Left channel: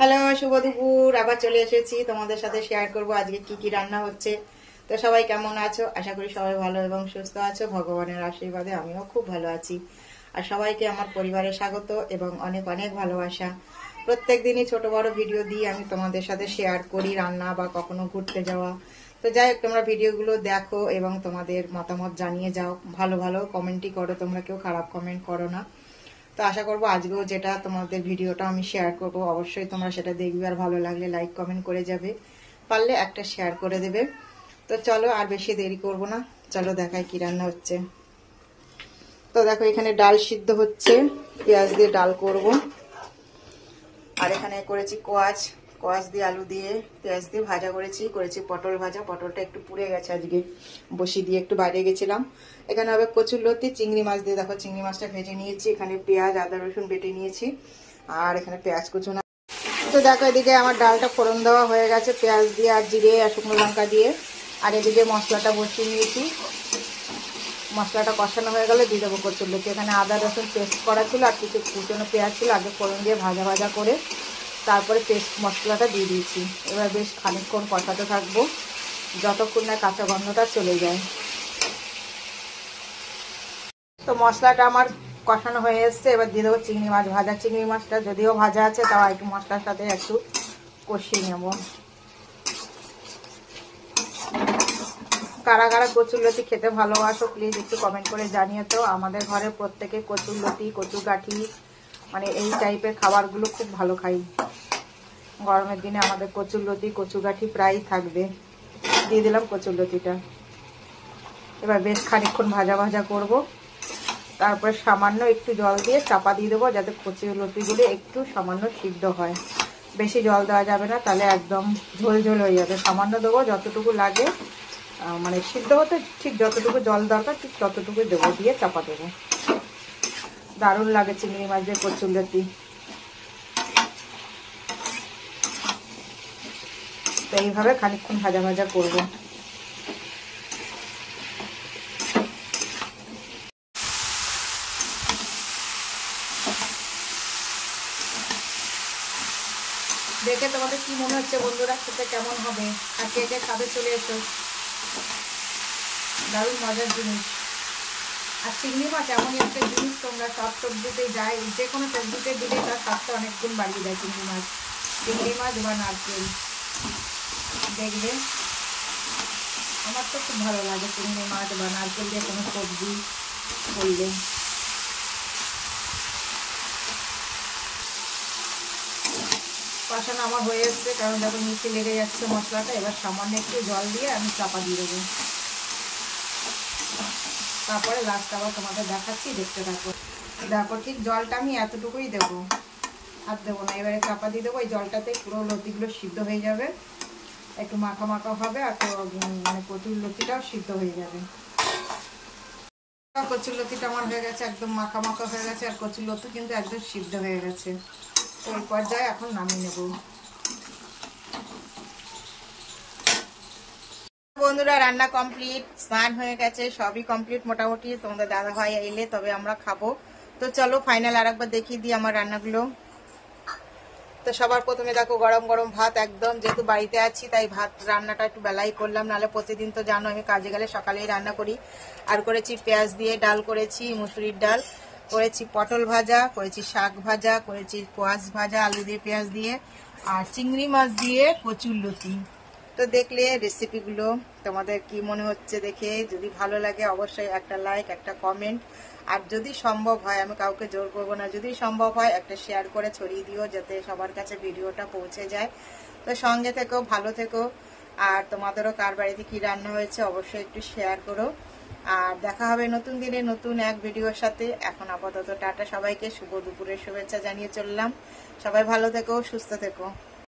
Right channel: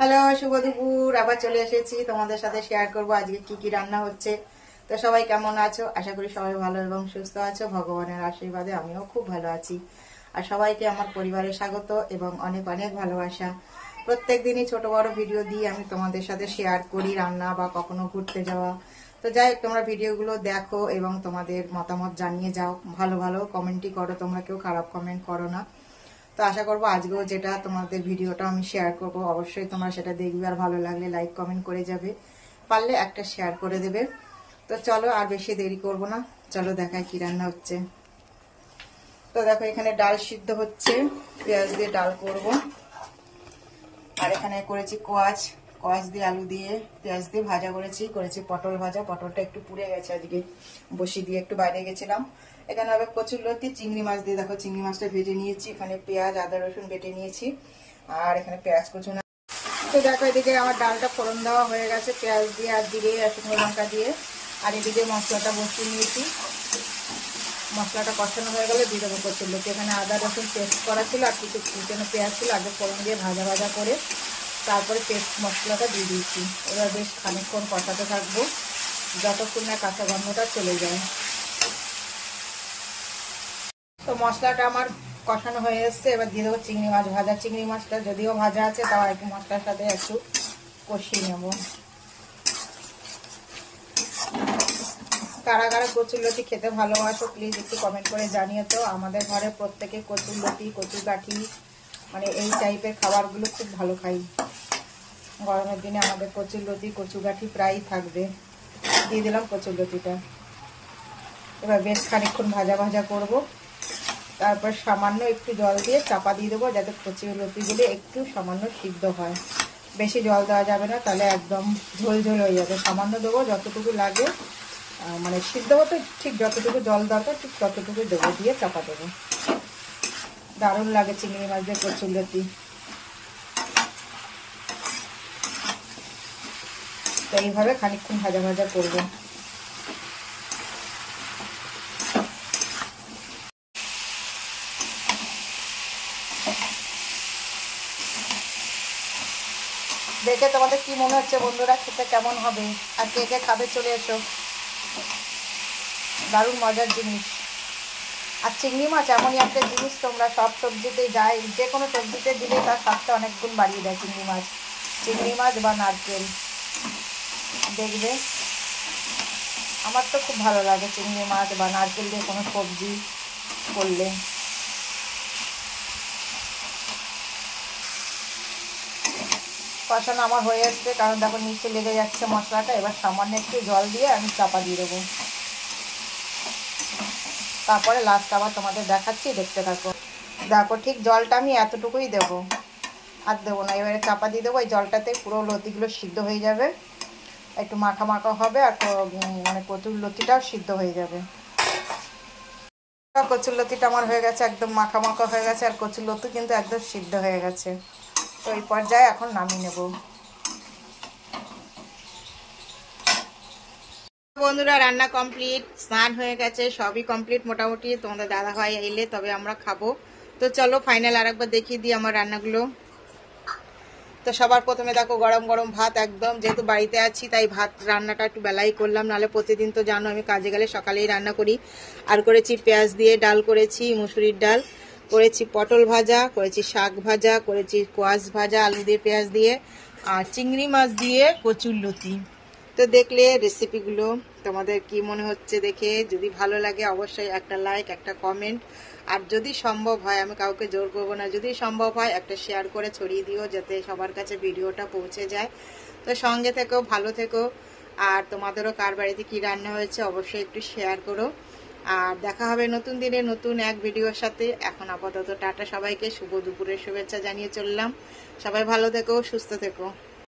Hello, শুভ দুপুর। আবার চলে এসেছি তোমাদের সাথে শেয়ার করব আজকে কি কি রান্না হচ্ছে। তো সবাই কেমন আছো? আশা করি সবাই ভালো এবং সুস্থ আছো। ভগবানের আশীর্বাদে আমিও খুব ভালো আছি। আর সবাইকে আমার পরিবারে স্বাগত এবং অনেক অনেক ভালোবাসা। প্রত্যেক দিনই ছোট বড় ভিডিও দিয়ে আমি তোমাদের সাথে শেয়ার করি রান্না বা কখনো ঘুরতে যাওয়া। তো যাই হোক, তোমরা ভিডিওগুলো দেখো এবং তোমাদের মতামত জানিয়ে যাও। ভালো ভালো কমেন্টই করো, তোমরা কেউ খারাপ কমেন্ট করো না। তো আশা করবো আজকেও যেটা তোমাদের ভিডিওটা আমি শেয়ার করব, অবশ্যই তোমরা সেটা দেখবে আর ভালো লাগলে লাইক কমেন্ট করে যাবে, পারলে একটা শেয়ার করে দেবে। তো চলো আর বেশি দেরি করব না, চলো দেখাই কি রান্না হচ্ছে। তো দেখো, এখানে ডাল সিদ্ধ হচ্ছে, পেঁয়াজ দিয়ে ডাল করব। আর এখানে করেছি কোয়াশ দিয়ে আলু দিয়ে পেঁয়াজ দিয়ে ভাজা করেছি পটল ভাজা। পটলটা একটু পুড়ে গেছে, আজকে বসি দিয়ে একটু বাইরে গেছিলাম। এখানে হবে কচুরলতি চিংড়ি মাছ দিয়ে, দেখো চিংড়ি মাছটা ভেজে নিয়েছি। এখানে পেঁয়াজ আদা রসুন বেটে নিয়েছি, আর এখানে পেঁয়াজ কুচো না। তো দেখো, এদিকে আমার ডালটা ফোড়ন দেওয়া হয়ে গেছে পেঁয়াজ দিয়ে আর জিরে আর শুকনো লঙ্কা দিয়ে। আর এদিকে মশলাটা বসিয়ে নিয়েছি। মশলাটা কষানো হয়ে গেলে দিয়ে দেবো কচুরলতি। এখানে আদা রসুন পেস্ট করা ছিল আর কিছু কুচনো পেঁয়াজ ছিল, আগে ফোড়ন দিয়ে ভাজা ভাজা করে তারপরে পেস্ট মশলাটা দিয়ে দিয়েছি। এবার বেশ খানিকক্ষণ কষাতে থাকবো যতক্ষণ না কাঁচা গন্ধটা চলে যায়। তো মশলাটা আমার কষানো হয়ে এসছে, এবার দিয়ে দেবো চিংড়ি মাছ ভাজা। চিংড়ি মাছটা যদিও ভাজা আছে, তাও একটু মশলার সাথে একটু কষিয়ে নেব। কারা কারা কচুরলতি খেতে ভালোবাসো প্লিজ একটু কমেন্ট করে জানিয়ে। তো আমাদের ঘরে প্রত্যেকে কচুরলতি কচুগাঠি মানে এই টাইপের খাবারগুলো খুব ভালো খাই। গরমের দিনে আমাদের কচুরলতি কচুগাঠি প্রায়ই থাকবে। দিয়ে দিলাম কচুরলতিটা। এবার বেশ খানিকক্ষণ ভাজা ভাজা করব, তারপরে সামান্য একটু জল দিয়ে চাপা দিয়ে দেবো যাতে কচুরলতিগুলো একটু সামান্য সিদ্ধ হয়। বেশি জল দেওয়া যাবে না, তাহলে একদম ঝোল ঝোল হয়ে যাবে। সামান্য দেবো যতটুকু লাগে, মানে সিদ্ধ হতে ঠিক যতটুকু জল দরকার ঠিক ততটুকু দেবো, দিয়ে চাপা দেবো। দারুণ লাগে চিংড়ি মাছ দিয়ে কচুরলতি। তো এইভাবে খানিকক্ষণ ভাজা ভাজা করব। দেখে তোমাদের কি মনে হচ্ছে বন্ধুরা, খেতে কেমন হবে? আর কে কে খাবে চলে এসো, দারুণ মজার জিনিস। আর চিংড়ি মাছ এমনই একটা জিনিস, তোমরা সব সবজিতে যায়, যে কোনো সবজিতে দিলে তার স্বাদটা অনেক গুণ বাড়িয়ে দেয়। চিংড়ি মাছ বা নারকেল দেখবে, আমার তো খুব ভালো লাগে চিংড়ি মাছ বা নারকেল দিয়ে কোনো সবজি করলে। কষানো আমার হয়ে এসছে, কারণ দেখো নিচে লেগে যাচ্ছে মশলাটা। এবার সামান্য একটু জল দিয়ে আমি চাপা দিয়ে দেবো, তারপরে লাস্ট আবার তোমাদের দেখাচ্ছি, দেখতে থাকো। দেখো ঠিক জলটা আমি এতটুকুই দেবো, আর দেবো না। এবারে চাপা দিয়ে দেবো, এই জলটাতে পুরো লতিগুলো সিদ্ধ হয়ে যাবে, একটু মাখা মাখা হবে, আর মানে কচুরলতিটাও সিদ্ধ হয়ে যাবে। কচুরলতিটা আমার হয়ে গেছে, একদম মাখা মাখা হয়ে গেছে, আর কচুরলতি কিন্তু একদম সিদ্ধ হয়ে গেছে। তো এই পর্যায়ে এখন নামিয়ে নেব। বন্ধুরা রান্না কমপ্লিট, স্নান হয়ে গেছে, সবই কমপ্লিট মোটামুটি। তোমাদের দাদা ভাই এলে তবে আমরা খাবো। তো চলো ফাইনাল আরেকবার দেখিয়ে দিই আমার রান্নাগুলো। তো সবার প্রথমে দেখো গরম গরম ভাত, একদম যেহেতু বাড়িতে আছি তাই ভাত রান্নাটা একটু বেলাই করলাম, নাহলে প্রতিদিন তো জানো আমি কাজে গেলে সকালেই রান্না করি। আর করেছি পেঁয়াজ দিয়ে ডাল, করেছি মুসুরির ডাল, করেছি পটল ভাজা, করেছি শাক ভাজা, করেছি কোয়াশ ভাজা আলু দিয়ে পেঁয়াজ দিয়ে, আর চিংড়ি মাছ দিয়ে কচুরলতি। তো দেখলে রেসিপিগুলো তোমাদের কি মনে হচ্ছে দেখে? যদি ভালো লাগে অবশ্যই একটা লাইক একটা কমেন্ট, আর যদি সম্ভব হয়, আমি কাউকে জোর করবো না, যদি সম্ভব হয় একটা শেয়ার করে ছড়িয়ে দিও যাতে সবার কাছে ভিডিওটা পৌঁছে যায়। তো সঙ্গে থেকো, ভালো থেকো। আর তোমাদেরও কার বাড়িতে কি রান্না হয়েছে অবশ্যই একটু শেয়ার করো। আর দেখা হবে নতুন দিনে নতুন এক ভিডিওর সাথে। এখন আপাতত টাটা সবাইকে, শুভ দুপুরের শুভেচ্ছা জানিয়ে চললাম। সবাই ভালো থেকো, সুস্থ থেকো।